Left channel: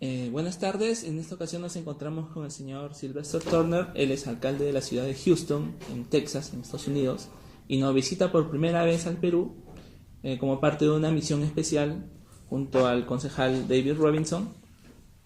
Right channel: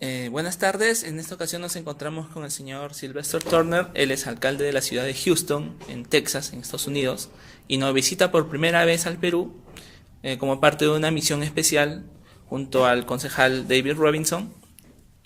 Buenas tardes, en esta ocasión nos encontramos con el señor Sylvester Turner. Él es alcalde de la ciudad de Houston, en Texas, en Estados Unidos, y nos visita por primera vez al Perú como parte de una misión especial junto al concejal David Robinson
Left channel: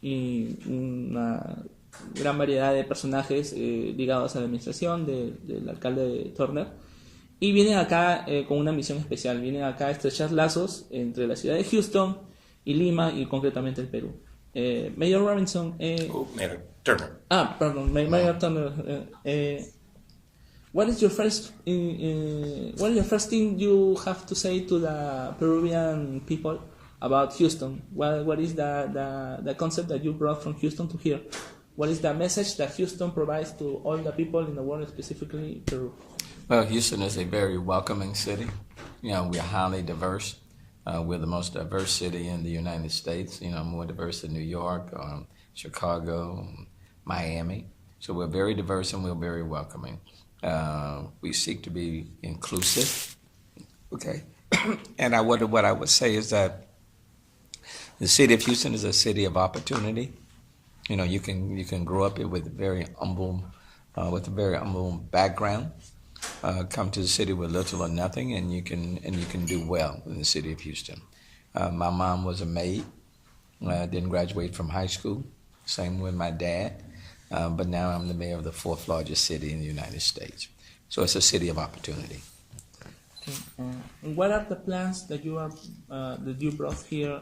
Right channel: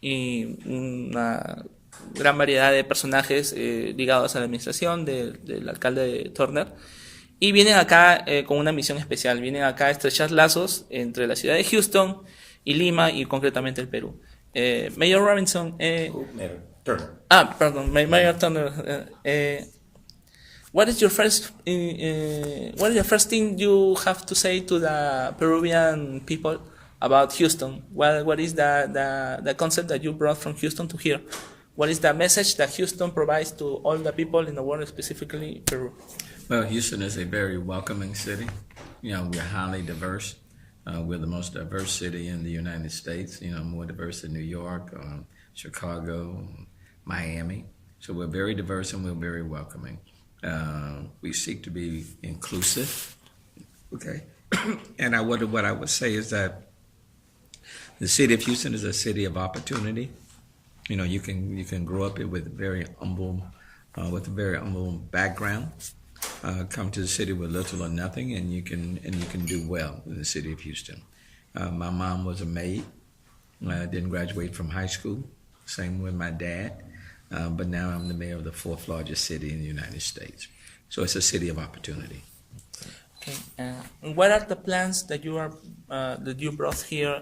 y una gran variedad de personajes ligados a la administración del alcalde Turner. Y vienen acá con una misión especial, vienen acá a estrechar lazos entre la ciudad de Houston y Lima y concretamente el Perú. Mayor Robinson. Mayor Turner. Pardon, Mayor Turner. What is your first? What is the first thing you have to say to the Peruvian people about Houston? What is the concept that you brought from Houston to here? What is the message that Houston provides to all the people in the world, specifically Peru? Well, Houston is a very welcoming city. You know, we're highly diverse. We're the most diverse city in the United States, you know, more diverse than New York, Chicago, Miami. So we're very diverse and we're very welcoming. We seek to be inclusive, okay? And what I would say is that the city of Houston is a city of opportunity. You know, you can grow up here with a very humble background. Come to the city with little or nothing, and you can do well in the city of Houston. My mom was a maid. Didn't graduate from high school. Same with my dad. But now I'm the mayor of the fourth largest city in the United States. So it's a city of opportunity. Okay. What are the plans that you brought here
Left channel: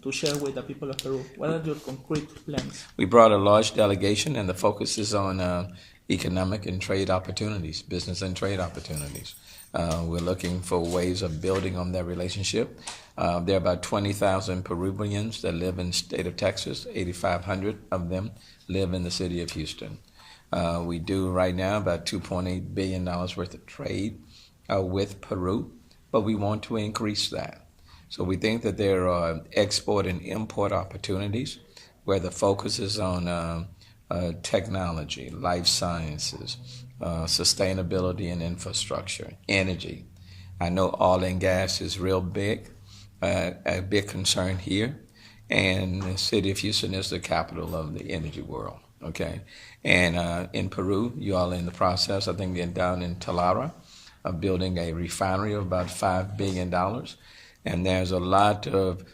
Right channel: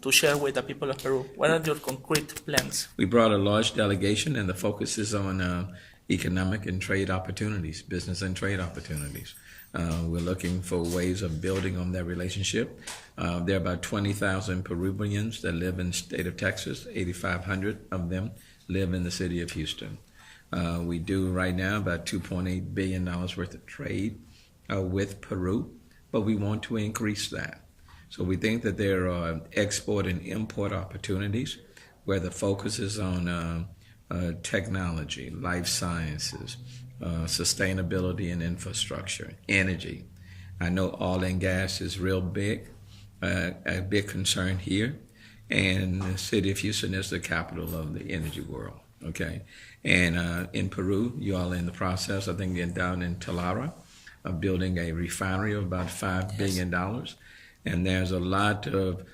to share with the people of Peru? What are your concrete plans? We brought a large delegation, and the focus is on economic and trade opportunities, business and trade opportunities. We're looking for ways of building on that relationship. There are about 20,000 Peruvians that live in the state of Texas. 8,500 of them live in the city of Houston. We do right now about $2.8 billion worth of trade with Peru, but we want to increase that. So we think that there are export and import opportunities where the focus is on technology, life sciences, sustainability and infrastructure, energy. I know oil and gas is real big, a big concern here, and the city of Houston is the capital of the energy world, okay? And in Peru, you all are in the process, I think, getting down in Talara, of building a refinery of about $5 billion. And there's a lot of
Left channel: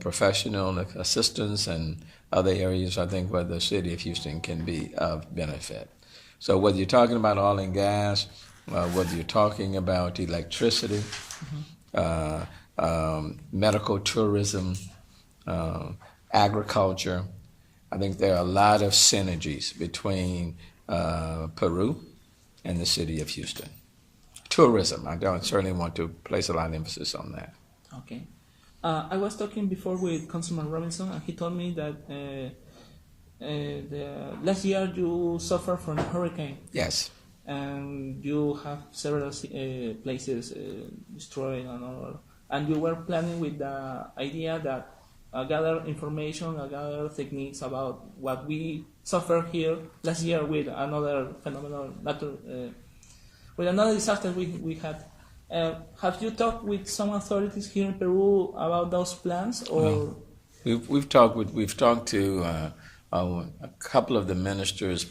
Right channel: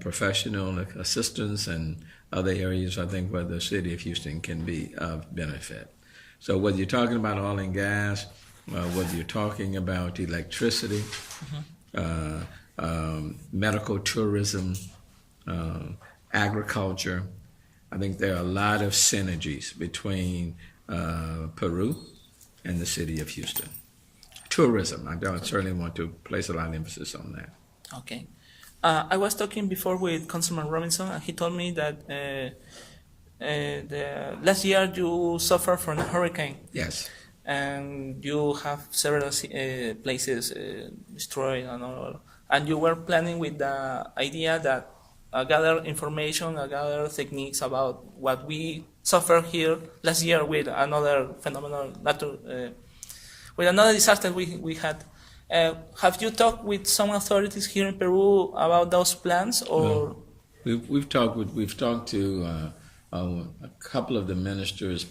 professional assistance and other areas, I think, where the city of Houston can be of benefit. So whether you're talking about oil and gas, whether you're talking about electricity, medical tourism, agriculture, I think there are a lot of synergies between Peru and the city of Houston. Tourism, I certainly want to place a lot of emphasis on that. Okay. I was talking before with Councilman Robinson, and he told me that last year you suffered from a hurricane. Yes. And you have several places destroyed, and you were planning with the idea that gather information, gather techniques about what we suffered here last year with another phenomenal with another disaster we had. Have you talked with some authorities here in Peru about those plans, or? No. We've talked to a couple of the ministers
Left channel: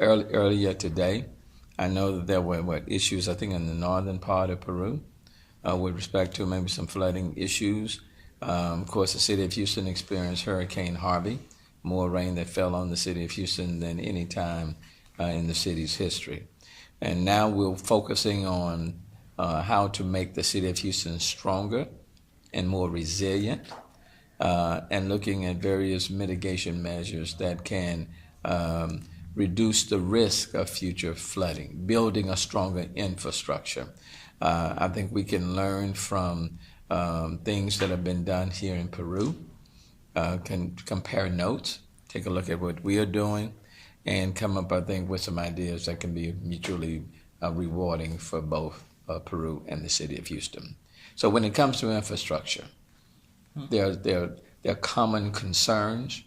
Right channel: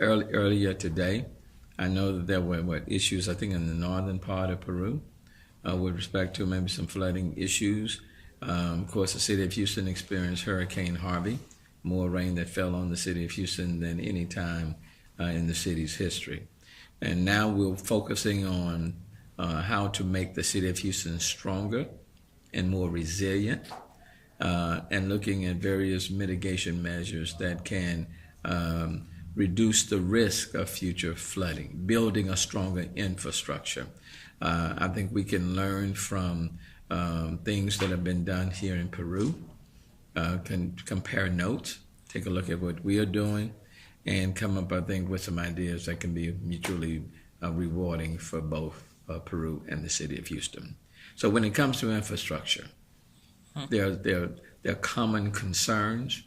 earlier today. I know that there were issues, I think, in the northern part of Peru with respect to maybe some flooding issues. Of course, the city of Houston experienced Hurricane Harvey, more rain that fell on the city of Houston than any time in the city's history. And now we're focusing on how to make the city of Houston stronger and more resilient, and looking at various mitigation measures that can reduce the risk of future flooding, building a stronger infrastructure. I think we can learn from things that have been done here in Peru, can compare notes, take a look at what we are doing, and come up, I think, with some ideas that can be mutually rewarding for both Peru and the city of Houston. So when it comes to infrastructure, there are common concerns.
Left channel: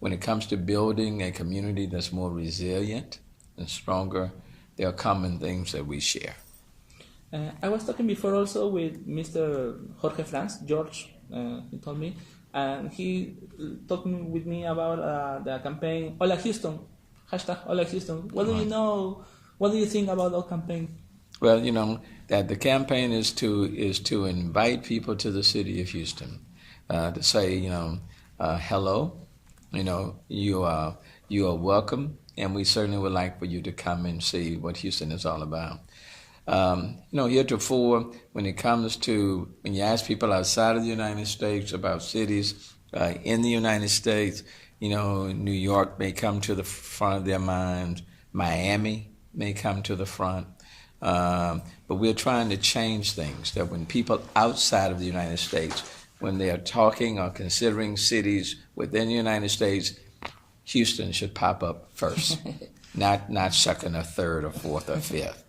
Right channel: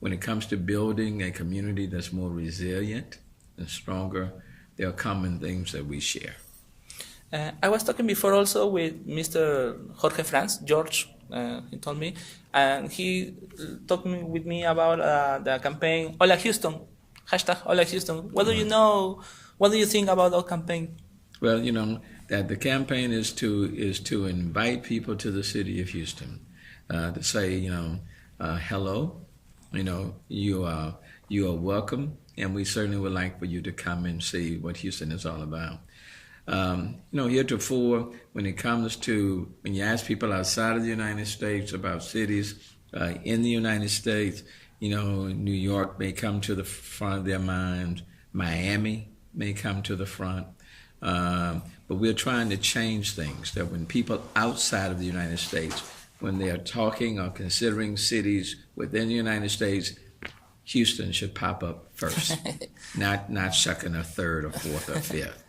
When it comes to building a community that's more resilient and stronger, there are common themes that we share. I was talking before also with Mr. George he told me, and he talked with me about the campaign Hola Houston, hashtag Hola Houston. What do you know? What do you think about that campaign? Well, that the campaign is to invite people to the city of Houston, to say, hello, you are welcome, and we certainly would like for you to come and see what Houston is all about. Heretofore, when you ask people outside of the United States about cities in the United States, New York may come to the front of their mind, Miami may come to the front, but we're trying to change things, that when people outside of the United States, when they are talking or considering cities within the United States, Houston should pop up first, not second or third or fourth or fifth.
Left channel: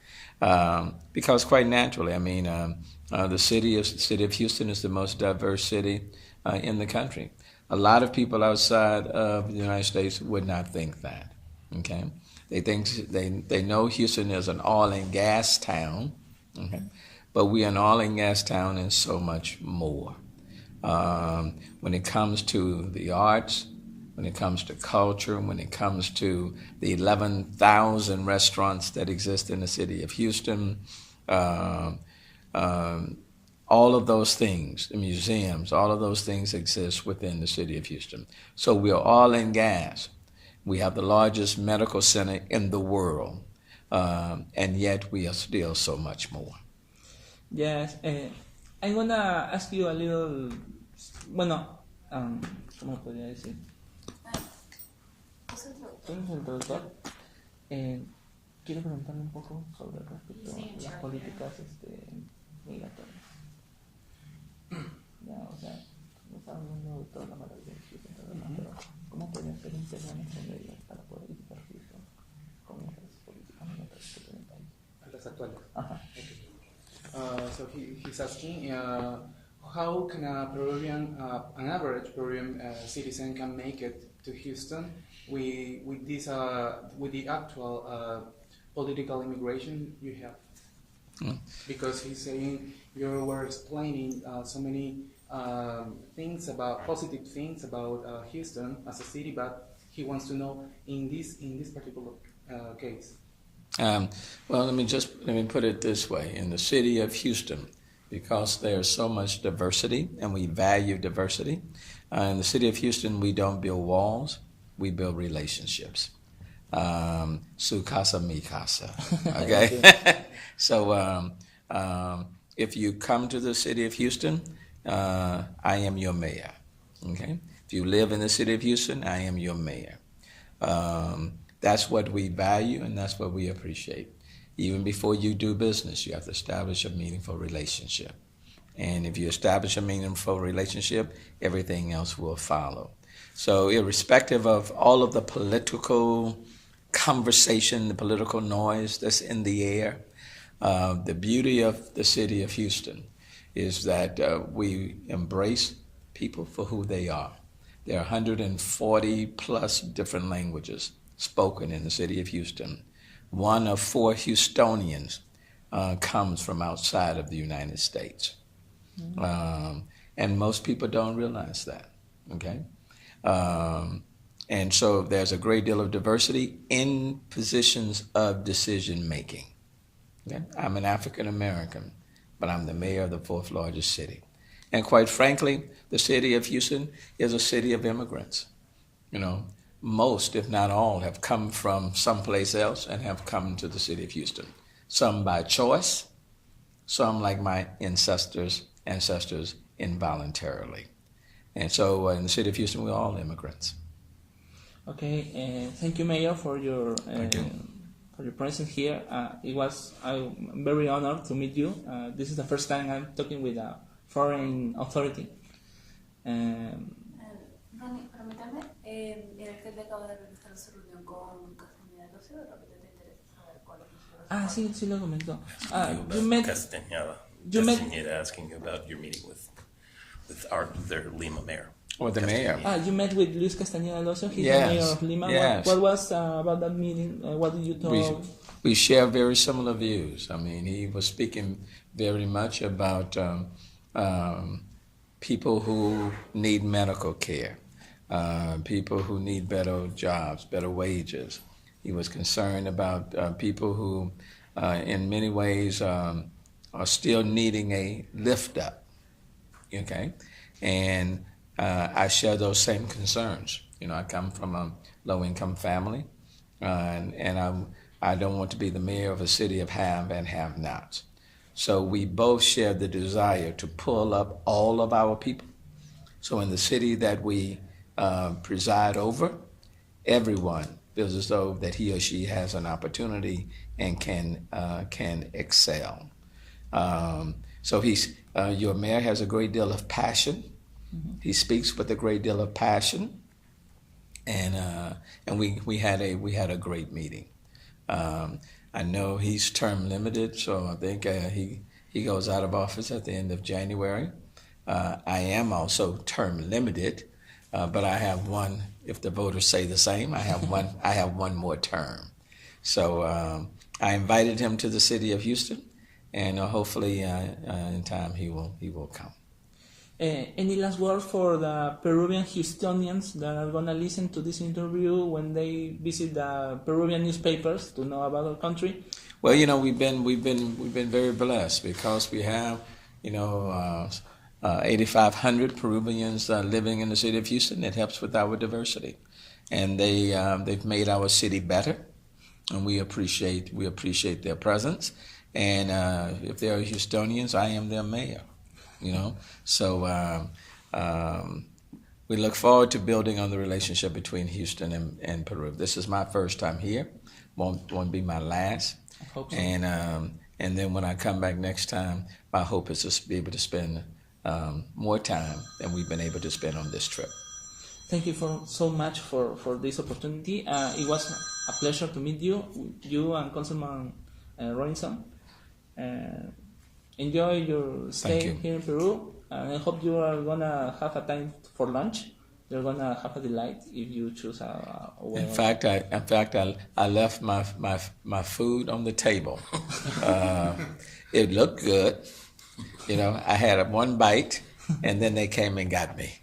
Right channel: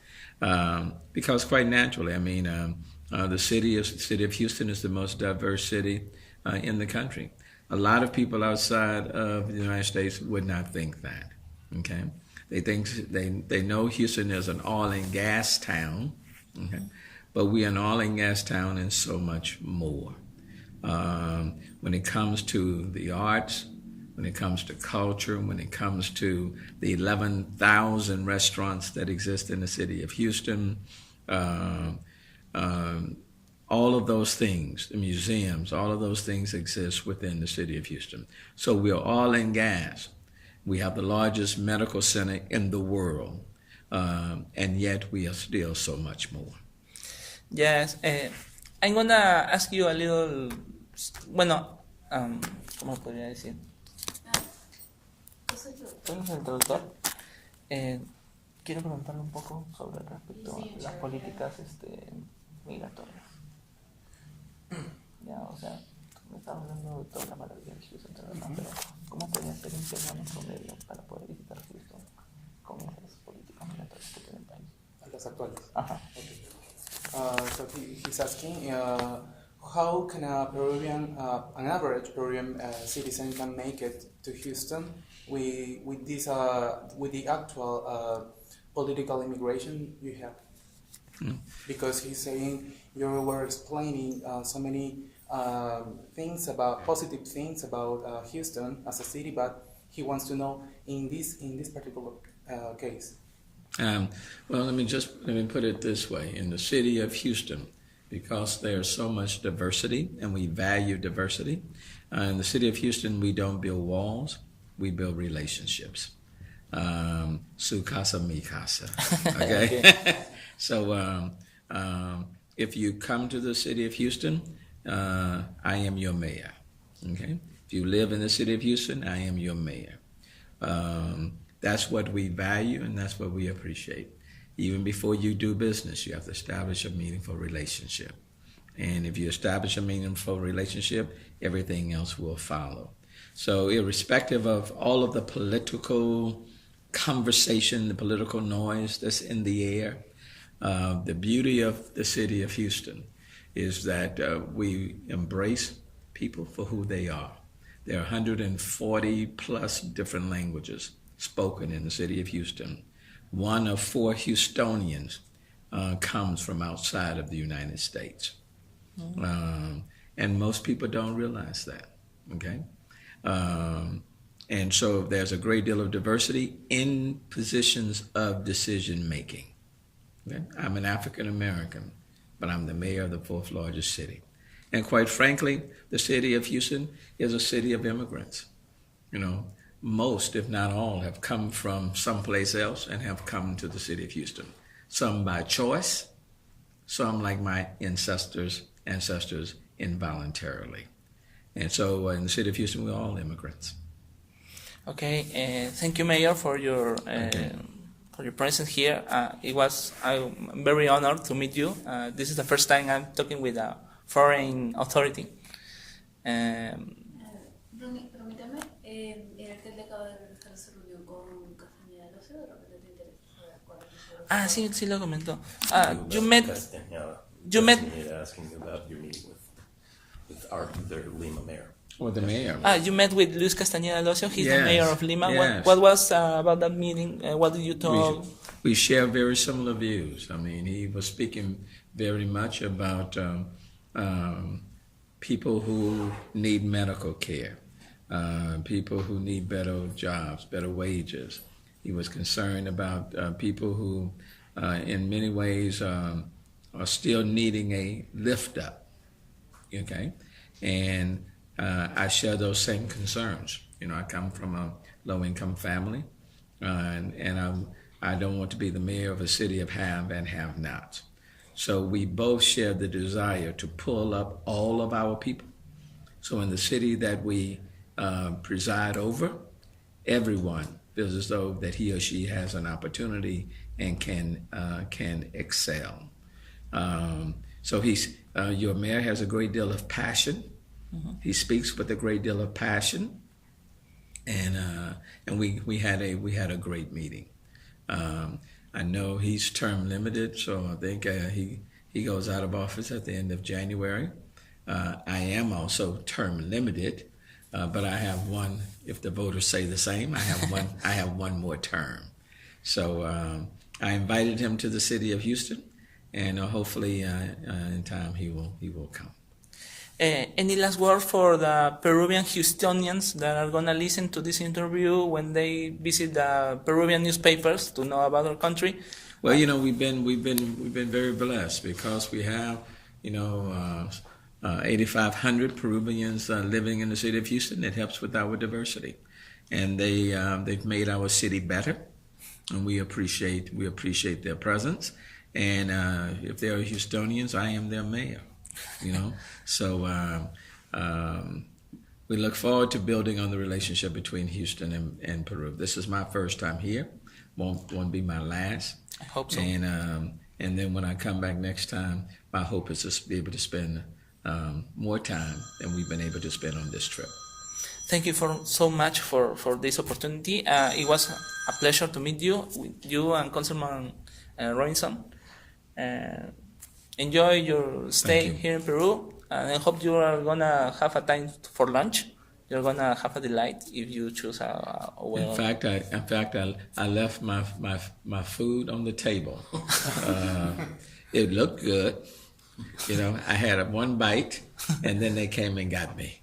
Because quite naturally, the city of Houston is the most diverse city in the country. A lot of people outside of the United States would not think that. Okay, they know Houston is an oil and gas town. Okay, but we are an oil and gas town and so much more. When it comes to the arts, when it comes to culture, when it comes to the 11,000 restaurants that exist in the city of Houston, all of those things, the museums, all of those things exist within the city of Houston. So we are oil and gas. We have the largest medical center in the world, and yet we are still so much more. Yes, I'm gonna ask you a little, ¿cómo podría decir? ¿Soy el introductor? Quiero preguntarle un poco sobre respecto a las políticas migratorias. Ya, o sea, me estaba hablando de toda la maravilla de Houston, pero ¿cómo podría ser un peruano promedio para poder visitar Houston con esas políticas migratorias que tiene el país? Las actuales. Ajá. Okay. So he's asking, how can an average Peruvian citizen can make it to Houston with the actual political immigration you have? Because he's saying you were explaining so many positive things about Houston as a city, but he wants to know in this particular case. Well, let me put it this way: in the city of Houston, because there's so much diversity and we value diversity, in the city of Houston we don't build walls, we build relationships. Su casa, mi casa. Okay. So if you come to the city of Houston, I am your mayor. Okay. If you live in the city of Houston, I am your mayor. That's what we value and that's what we appreciate. Even before you do business, you have to establish a meaningful relationship. And if you establish a meaningful relationship, everything else will follow. So irrespective of all of the political conversation, the political noise that's in the air, the beauty of the city of Houston is that we embrace people for who they are. There are 140 plus different languages spoken in the city of Houston. 1 of 4 Houstonians comes from outside of the United States. Mm-hmm. And most people don't realize that, okay? And so there's a great deal of diversity in positions of decision making. Okay? I'm an African American, but I'm the mayor of the 4th largest city. And quite frankly, the city of Houston is a city of immigrants. Most, if not all, have come from someplace else and have come to the city of Houston. Some by choice, some like my ancestors, involuntarily. And so in the city of Houston, we're all immigrants. Okay, thank you, Mayor, for your presence here. I'm very honored to meet you. This is the first time I'm talking with a foreign authority. Ronie, permítame, el alcalde acaba de realizar su reunión con Castañeda de Ocio, de repente te interesa. Sí lo comentó. You met asking about your meeting with their Lima mayor. Or the mayor. You met with Luis Castañeda de Ocio. He's the mayor of Lima. Yes. What was about that meeting? What did you talk? We share very similar views. I mean, he was speaking very much about people who need medical care, people who need better jobs, better wages. He was concerned about people who, in many ways, are still needing a lift up. Okay, and I share those same concerns. You know, I come from a low-income family, and I don't want to be the mayor of a city of have and have-nots. So we both share the desire to pull up all of our people. So in the city that we preside over, everyone feels as though that he or she has an opportunity and can excel. So your mayor has a great deal of passion. Mm-hmm. He speaks with a great deal of passion, and we had a great meeting. I know he's term limited, so I think he goes out of office at the end of January. I am also term limited, but I have one. If the voters say the same, I have one. I have one more term. So I invited him to the city of Houston, and hopefully in time he will come. Any last word for the Peruvian Houstonians that are gonna listen to this interview when they visit the Peruvian newspapers to know about our country? Well, you know, we've been very blessed because we have, 8,500 Peruvians living in the city of Houston. It helps with our diversity, and they've made our city better, and we appreciate their presence. And if they are Houstonians, I am their mayor. So we look forward to building on the relationship between Houston and Peru. This is my first time here. Won't be my last. I hope so. And then when I come back next time, my hope is to be able to spend more time than we've been able to spend on this trip. Thank you so much for this opportunity. It was a pleasure to meet you and Councilman Robinson. Enjoy your stay here in Peru, and I hope you are gonna have a time for lunch. You're gonna have a delight if you choose a well. In fact, I left my food on the table. It looked good. I had one bite, and then they came and got me.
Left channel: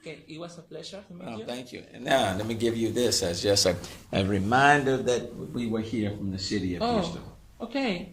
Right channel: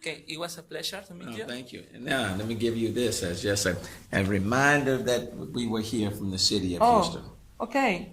Okay, it was a pleasure to meet you. Thank you. And now, let me give you this as just a reminder that we were here from the city of Houston. Okay.